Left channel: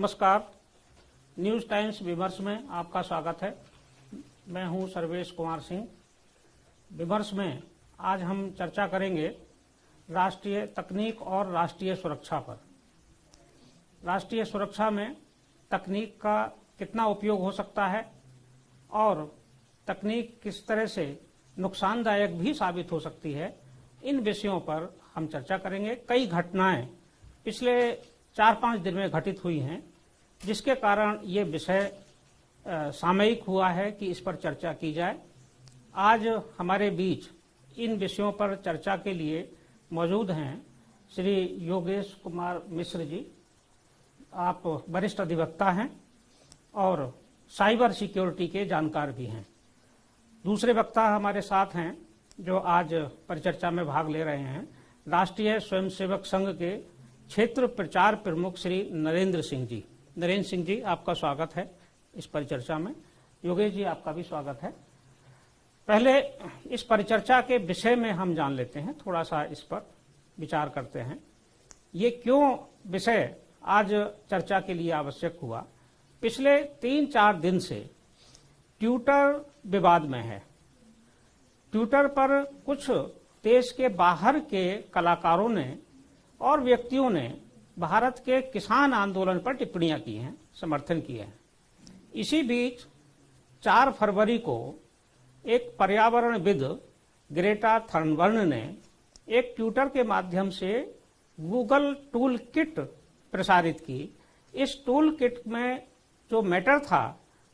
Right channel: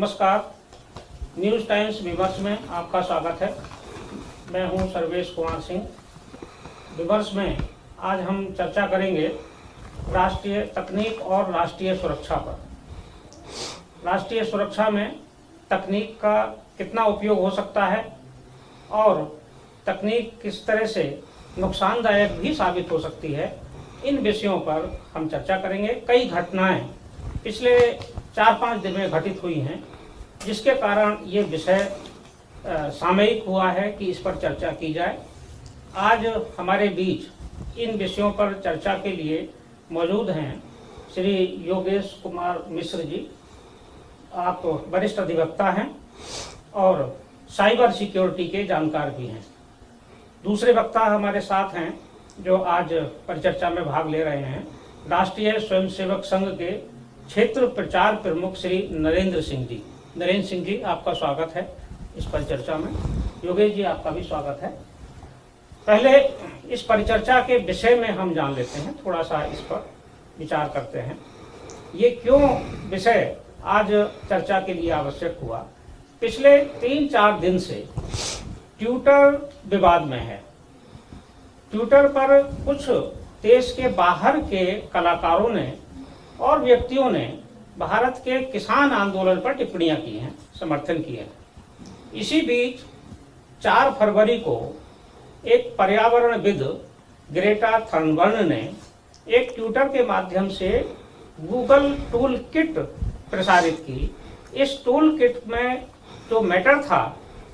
नमस्कार, news times विमर्श में आपका स्वागत है। मैं हूं सर्वेश कुमार सिंह। विमर्श में आज हम चर्चा करेंगे राष्ट्रीय तकनीक और राष्ट्रीय सुरक्षा पर। राष्ट्रीय सुरक्षा में तकनीक का कितना उपयोग हो सकता है और तकनीक किस तरह से नुकसानदायक भी साबित हो सकती है, इन विषयों पर हम चर्चा करेंगे। कई घटनाएं पिछले 4-5 दिन में घटित हुई हैं, जिसके कारण ये विषय सामयिक हुआ है कि इस पर चर्चा की जाए। आज हमारे बीच इन विषयों पर चर्चा के लिए मौजूद हैं श्री योगेश कुमार मिश्र जी। आप वरिष्ठ अधिवक्ता हैं और साइबर सिक्योरिटी के जानकार भी हैं। दूसरे वक्ता हमारे साथ हैं जो आज परिचर्चा में भाग ले रहे हैं, राष्ट्रीय स्वयंसेवक संघ के क्षेत्र प्रचार प्रमुख श्री नरेंद्र सिंह जी। नरेंद्र सिंह जी, आपका स्वागत है इस परिचर्चा में। योगेश जी, आपका भी स्वागत है। पहले इस परिचर्चा के विषय में हम जान लेते हैं, थोड़ा सा इस पर विचार करते हैं। ये क्यों विषय आज चर्चा के लिए आवश्यक हुआ? पिछले 3-4 दिन से ट्विटर विवाद में है। ट्विटर पर कुछ देश के बाहर के कलाकारों ने और व्यक्तियों ने भारत के किसान आंदोलन पर टिप्पणियां की हैं, समर्थन किए हैं। इसी बीच 4 फरवरी को एक पर्यावरणविद ग्रेटा थनबर्न ने एक ट्विटर के माध्यम से गूगल टूल किट प्रसारित की। इस टूल किट में जो मैटर था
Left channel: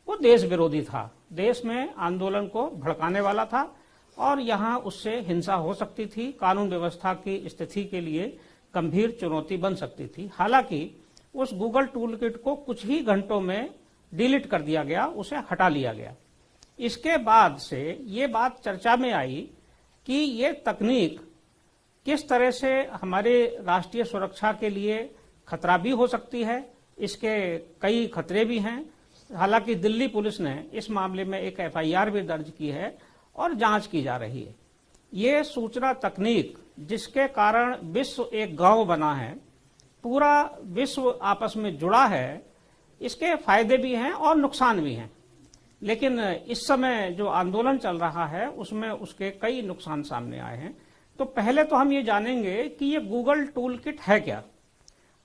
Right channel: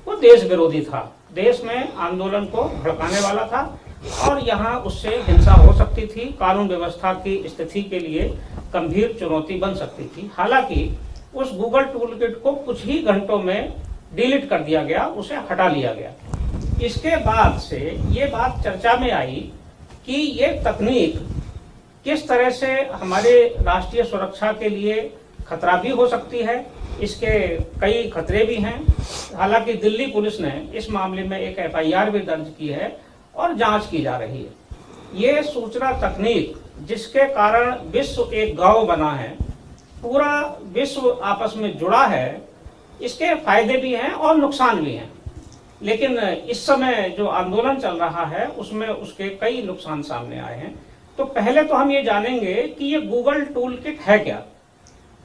वो देश विरोधी था, देश में आंदोलन को भड़काने वाला था और यहाँ उससे हिंसा हो सकती थी, कानून व्यवस्था की स्थिति के लिए गंभीर चुनौती बन सकती थी। हालांकि उस गूगल टूल किट को कुछ ही घंटों में डिलीट कर दिया गया, उसे हटा लिया गया। इसके बाद से ये बात चर्चा में आई कि ये तकनीक किस तरह से हमारे राष्ट्रीय सुरक्षा के लिए खतरा भी हो सकती है। इसके कई खतरे भी हैं। हालांकि दिल्ली पुलिस ने इस मामले में एक FIR भी दर्ज की है और जांच की जा रही है। ये सूचना तकनीक जिसके कारण विश्व एक गांव बना है, पूरा विश्व आपस में जुड़ा है, इसके फायदे भी हैं और नुकसान भी हैं। लेकिन इस समय जो आंदोलन चल रहा है उसमें उसके कई नुकसान सामने आए हैं। तो पहले तो हम ये जानेंगे कि ये गूगल टूल किट है क्या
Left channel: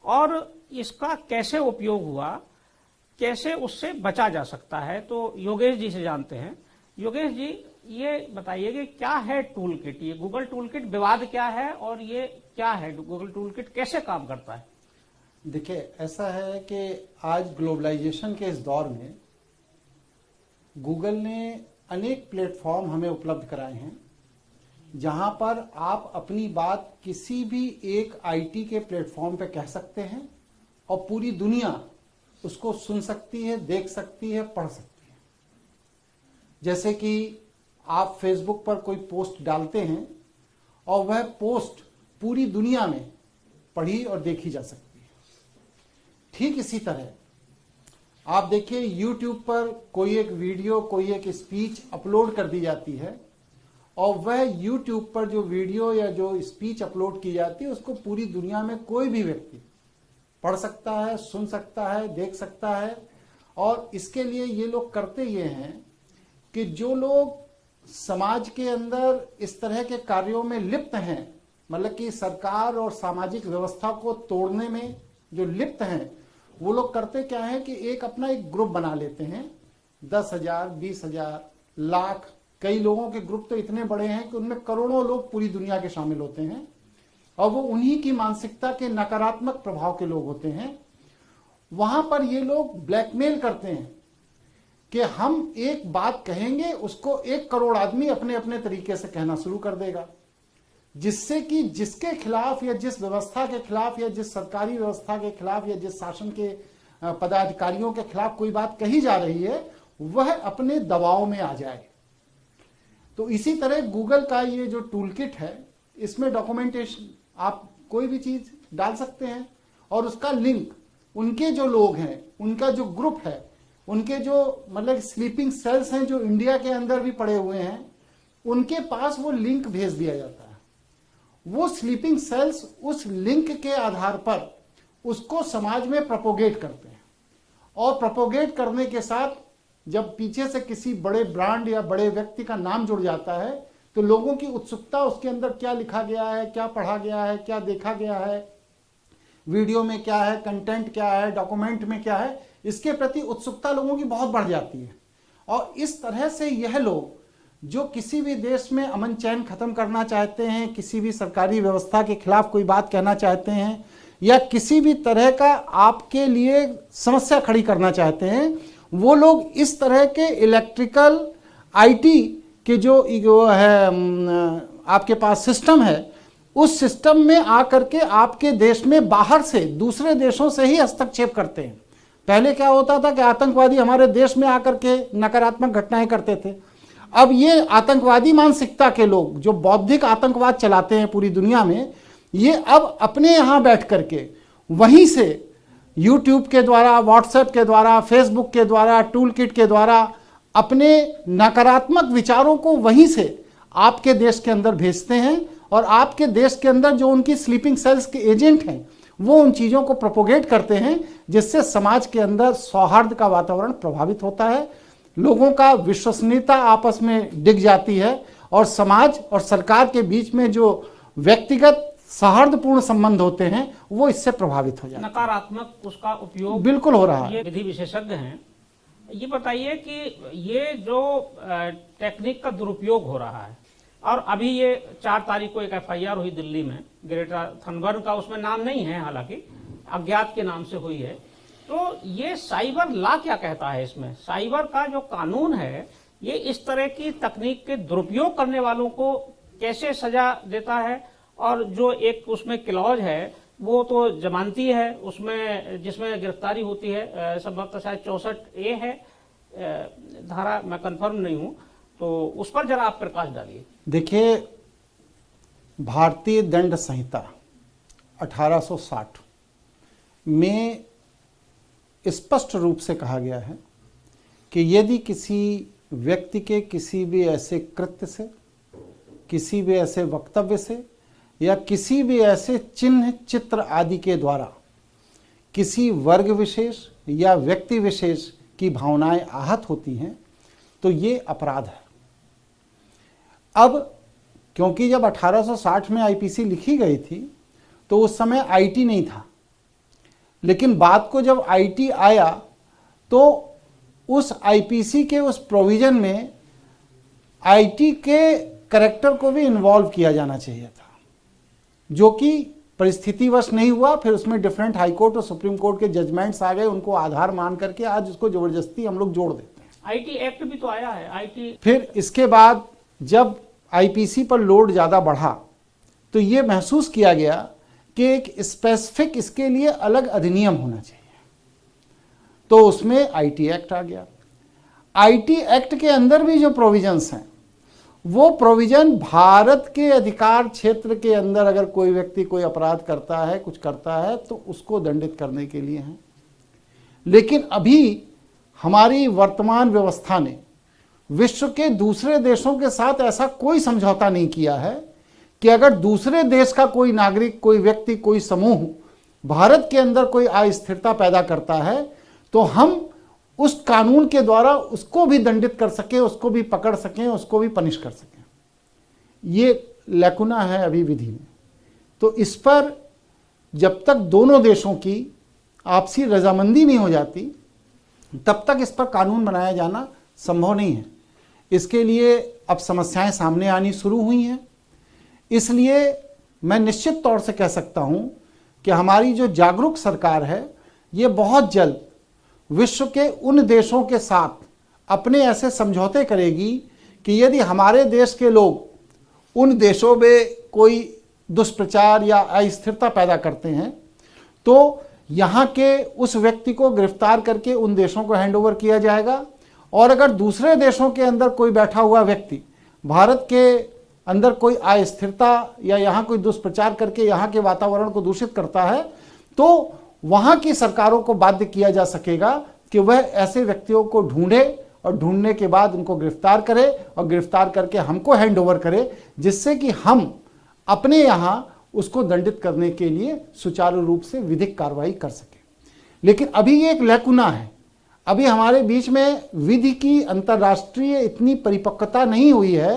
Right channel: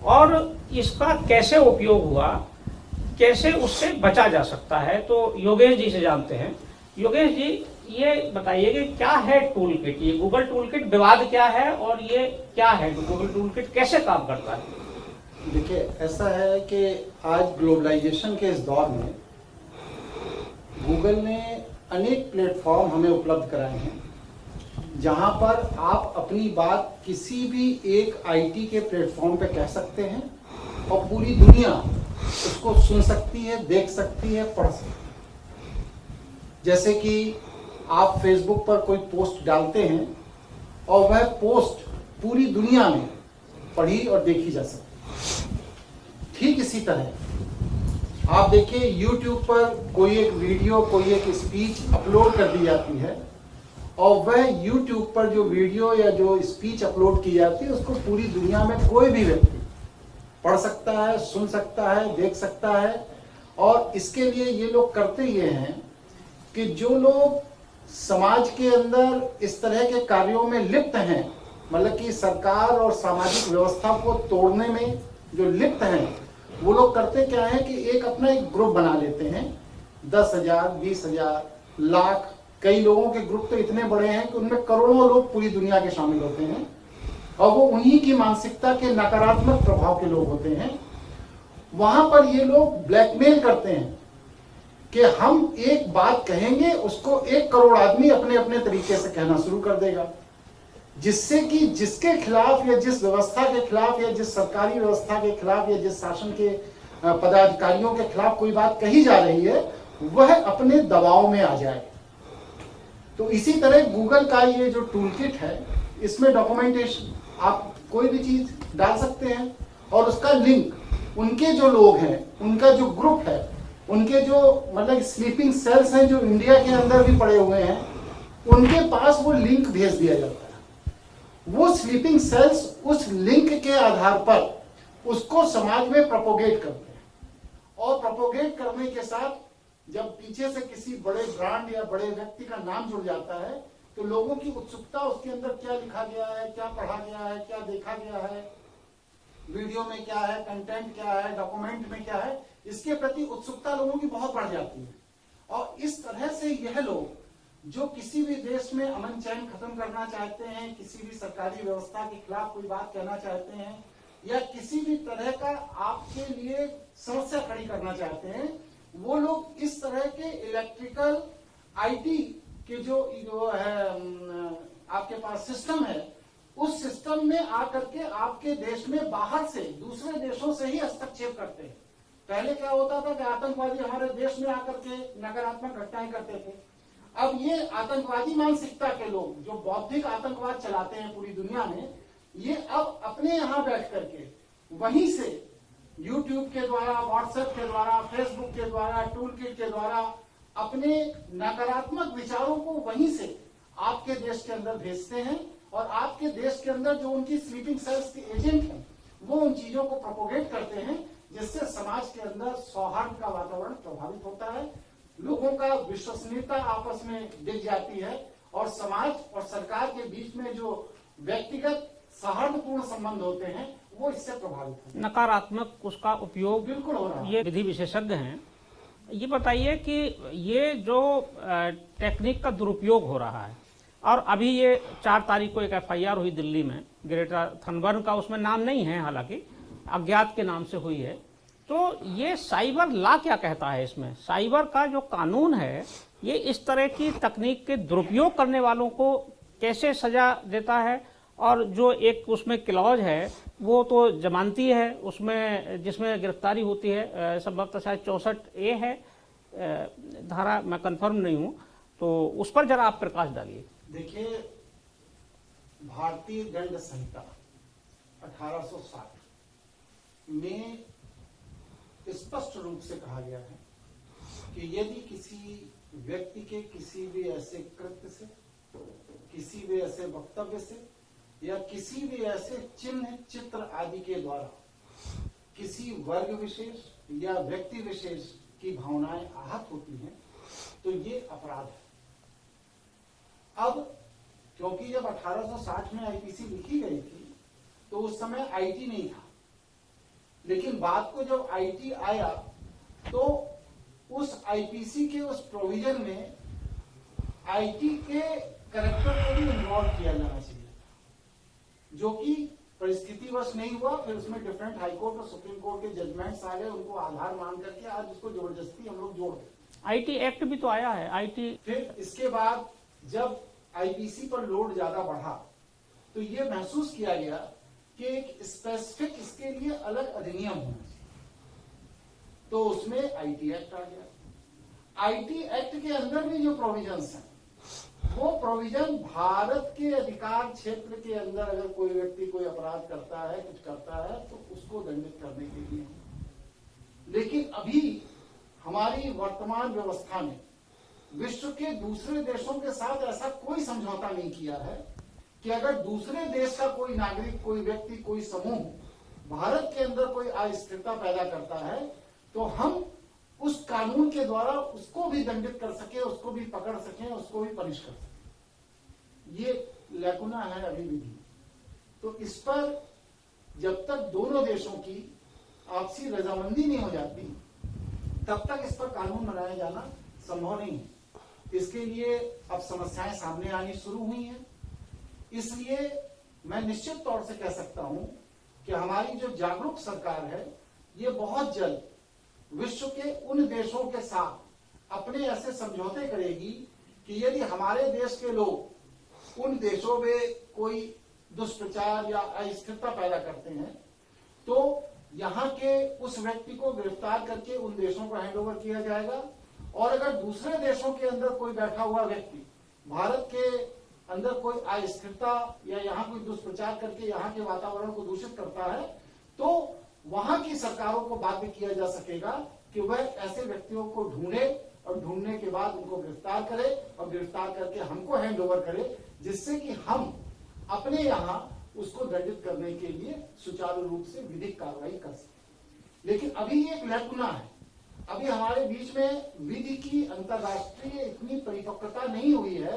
और इसका कैसे उपयोग हुआ, कैसे उससे बचा जा सकता है। तो योगेश जी से जानते हैं। योगेश जी, ये बताइए कि क्या है टूल किट? ये गूगल टूल किट विवाद क्या है और ये क्या है, गूगल टूल किट कैसे काम करता है? देखिए, ऐसा है कि आज ग्लोबलाइजेशन के इस दौर में गूगल ने अनेक प्लेटफॉर्म हमें उपलब्ध कराए हैं, जहां पर आप अपनी बात किसी भी एक IT के प्लेटफॉर्म पे कह सकते हैं और पूरी दुनिया उसको सुन सकती है, देख सकती है, पढ़ सकती है। जैसे कि आप फेसबुक पर कोई पोस्ट डालते हैं और वह पोस्ट पूरी दुनिया में पढ़ी और देखी जा सकती है। ठीक इसी तरह आप देखिए, YouTube पर कोई एक वीडियो, कोई एक स्पीच अपलोड कर दी जाती है और वह YouTube पर जो वीडियो या जो स्पीच अपलोड की जाती है उसको पूरी दुनिया में कोई भी व्यक्ति पढ़ सकता है, सुन सकता है, देख सकता है। और इसके लिए ये लोग करते ये हैं कि जो लोग समाज के अंदर इस तरह के कार्यों में लिप्त हैं, मतलब कि सरकार और सामाजिक व्यवस्था को तोड़ने में जो लिप्त हैं, वो लोग करते क्या है कि एक अपना एक ग्रुप बना लेते हैं। 10,000, 20,000, लाख, कई लोगों के ग्रुप तो इतने बड़े हैं कि उनमें करोड़ों लोग पूरी दुनिया के शामिल होते हैं और वो उन्हीं की मानसिकता के नकारात्मक प्रभाव के लोग होते हैं। वहां पर ये लोग ब्लैकमेल करते हैं कि हम एक बात कहेंगे, उसको 1 करोड़ आदमी अपने अपने तरीके से कहना शुरू कर देगा, जिससे कि जिसके खिलाफ या जिस व्यवस्था के खिलाफ या जिस सरकारी व्यवस्था के खिलाफ या जिस शासन के पदाधिकारियों के खिलाफ कोई बात कही जा रही है, वह अपने दबाव में आ जाए। तो इसी तरह गूगल का ये जो टूल किट है, इसमें डॉक्यूमेंटेशन, आप कोई भी चीज डाल सकते हैं और उसका लिंक उनके जो लोग हैं, उनका जो ग्रुप है, उनके जो मतलब स्लीपिंग सेल्स हैं जो इंडिया के अंदर भी पड़े हुए हैं, उनके पास वो लिंक भेज दिया जाता है। वो स्लीपिंग सेल्स उस लिंक के आधार पर उसको समाज में प्रोपोगेट करते हैं। और प्रोपोगेट करने के साथ जब पीछे से किसी बड़े ब्रांड या बड़े व्यक्ति का नाम जुड़ जाता है तो लोगों की उत्सुकता उसके अंदर क्या लिखा गया है, क्या पढ़ा गया है, क्या देखा गया है, वीडियो में क्या है, कंटेंट क्या है, डॉक्यूमेंट में क्या है, इसके प्रति उत्सुकता लोगों की बहुत बढ़ जाती है। और इस तरह से यह लोग जो किसी भी देश में अमन चैन खत्म करना चाहते हैं, किसी भी सरकारी व्यवस्था के खिलाफ कोई बात कहना चाहते हैं या किसी भी तरह का आपके लिए समस्या खड़ी करना चाहते हैं, वो लोग इस तरह के इलेक्ट्रिकल आईटी के जो है आपके पास सिस्टम है, उस सिस्टम में आकर के आपके देश में बाहर से दूसरे देशों से ही हस्तक्षेप करते हैं। पहले क्या होता था कि आतंकवादी हमारे देश में आकर के नकारात्मक घटनाएं करते थे। अब ये आतंकवादी मानसिकता के लोग जो बौद्धिक आतंकवाद चलाते हैं पूरी दुनिया में, ये अब अपने यहाँ बैठ करके वहीं से यूट्यूब के द्वारा, व्हाट्सएप के द्वारा, फेसबुक के द्वारा, टूल किट के द्वारा अपने नकारात्मक विचारों को वहीं से आपके देश के अंदर भेजते हैं और आपके देश के अंदर जो उनकी स्लीपिंग सेल्स के एजेंट हैं वो उन चीज़ों को प्रोपोगेट करते हैं, जिससे समाज के अंदर सौहार्द का वातावरण प्रभावित होता है, लोगों का विश्वसनीयता आपस में डिग जाती है और समाज और सरकार के बीच में जो व्यक्तिगत सौहार्दपूर्ण संबंध होते हैं वो इससे प्रभावित हो जाते हैं। नकारात्मक उसका उपयोग बिल्कुल हो रहा है। ये विधि विशेषज्ञ हैं, ये बताइए कि ये जो टेक्निक का दुरुपयोग हो रहा है और अभी ये 4 तारीख को एक एफआईआर हुई दिल्ली में, ग्रेटा थनबर्न का उसमें नाम नहीं है, हालांकि अज्ञात के नाम से हुई है, तो ये साइबर लॉ क्या कहता है इसमें? साइबर का जो कानून है ये इस तरह की तकनीक के दुरुपयोग करने वालों को कैसे सजा देता है? और जो एक उसमें क्लॉज है वो तो जमानती है, उसमें जिसमें गिरफ्तारी होती है, संभवतः शायद 64A है धारा, मैं कंफर्म नहीं हूँ, तो उस पर जरा आप प्रकाश डालिए। देखिए, भारतीय दंड संहिता 1860 में स्पष्ट रूप से कहा गया है कि यदि किसी व्यक्ति के किसी भी ऐसे कृत्य से, किसी भी ऐसे वक्तव्य से या किसी भी ऐसे चिन्ह, चित्र आदि के द्वारा किसी वर्ग विशेष या व्यक्ति विशेष की भावनाएं आहत होती हैं तो ये अपराध है। अब क्योंकि जब 1860 में आईपीसी लिखी गई थी तो उस समय आईटी नहीं था, लेकिन बाद को जब आईटी आया तो उस आईपीसी के उस प्रोविजन में आईटी के करैक्टर को भी इन्वॉल्व किया जाना चाहिए था, जो कि परिस्थितिवश नहीं हुआ। फिर उसमें डिफरेंट हाई कोर्ट और सुप्रीम कोर्ट के जजमेंट्स आ गए, उनको आधार मान करके आज उसको जबरदस्ती हम लोग जोड़ देते हैं। आईटी एक्ट भी तो आया है, आईटी। फिर इसके बाद जब आईपीसी पर लोड ज़्यादा बढ़ा तो ये महसूस किया गया कि एक स्पेसिफिक इसके लिए अलग अधिनियम होना चाहिए, तो उसमें आईटी एक्ट आ गया। आईटी एक्ट के अंदर भी जो प्रोविजंस हैं वो प्रोविजन भारत के अधिकार क्षेत्र के अंदर अगर कोई व्यक्ति कोई अपराध करता है, कुछ करता है, तो उसको दंडित करने के लिए हैं। लेकिन अभी हमारी वर्तमान व्यवस्था ने विश्व के दूसरे देशों के साथ ऐसा कोई समझौता नहीं किया है कि अगर दूसरे देश का कोई नागरिक, कोई व्यक्ति, कोई समूह भारत के अंदर कोई अस्थिरता पैदा करता है तो हम उस कानून के द्वारा उसको भी दंडित कर सके, उसको भी पकड़ सकें, उसको भी पनिश कर सकें। ये लैकुना है अभी विधि में। तो इस पर जब तक दोनों देशों की आपसी रजामंदी नहीं हो जाती तब तक इस पर कानून बनाया जाना संभव नहीं है। इसके लिए अब समस्याएं सामने आनी शुरू हुई हैं। इसलिए मैं निश्चित तौर से कह सकता हूं कि हमारी जो जागरूक सरकार है ये बहुत जल्द विश्व के उन देशों के साथ अपने ऐसे समझौते करेगी कि यदि हमारे देश के लोग उन देशों में कोई दुष्प्रचार या अस्थिरता पैदा करते हैं तो यहाँ के उस व्यक्ति को गिरफ्तार करके उन देशों को हैंडओवर किया जाएगा। और अगर दूसरे देशों के अंदर कोई बैठा हुआ व्यक्ति भारत के अंदर कोई अस्थिरता या यहाँ कोई दुष्प्रचार करके यहाँ के वातावरण को दूषित करता है तो वहाँ की सरकारों को बाध्य किया जा सकेगा कि वह ऐसे व्यक्तियों को ढूंढे और ढूंढने के बाद उनको गिरफ्तार करे और गिरफ्तार करके हमको हैंडओवर करे, जिससे कि हम अपने यहाँ उसको दंडित करने के लिए सुचारू रूप से विधिक कार्रवाई कर सकें। लेकिन अभी ये एक लैकुना है अभी हमारे बीच में विधि की अंतर्राष्ट्रीय इतनी परिपक्वता नहीं हुई है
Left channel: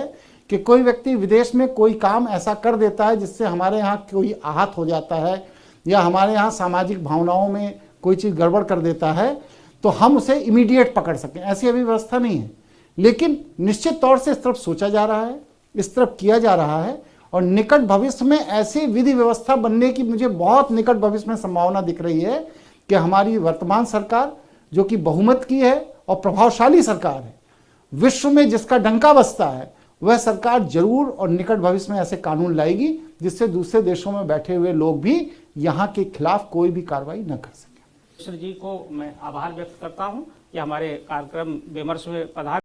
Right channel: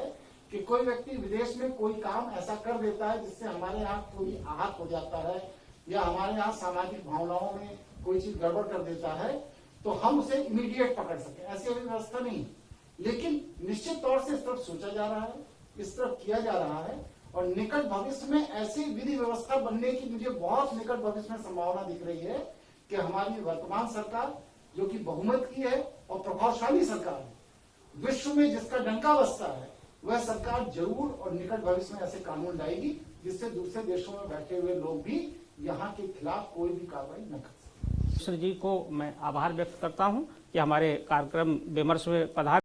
कि कोई व्यक्ति विदेश में कोई काम ऐसा कर देता है जिससे हमारे यहाँ कोई आहत हो जाता है या हमारे यहाँ सामाजिक भावनाओं में कोई चीज़ गड़बड़ कर देता है तो हम उसे इमीडिएट पकड़ सकें, ऐसी अभी व्यवस्था नहीं है। लेकिन निश्चित तौर से इस तरफ सोचा जा रहा है, इस तरफ किया जा रहा है और निकट भविष्य में ऐसी विधि व्यवस्था बनने की मुझे बहुत निकट भविष्य में संभावना दिख रही है कि हमारी वर्तमान सरकार जो कि बहुमत की है और प्रभावशाली सरकार है, विश्व में जिसका डंका बजता है, वह सरकार जरूर और निकट भविष्य में ऐसे कानून लाएगी जिससे दूसरे देशों में बैठे हुए लोग भी यहाँ के खिलाफ कोई भी कार्रवाई न कर सके। मिश्र जी को मैं आभार व्यक्त करता हूँ कि हमारे कार्यक्रम विमर्श में पधार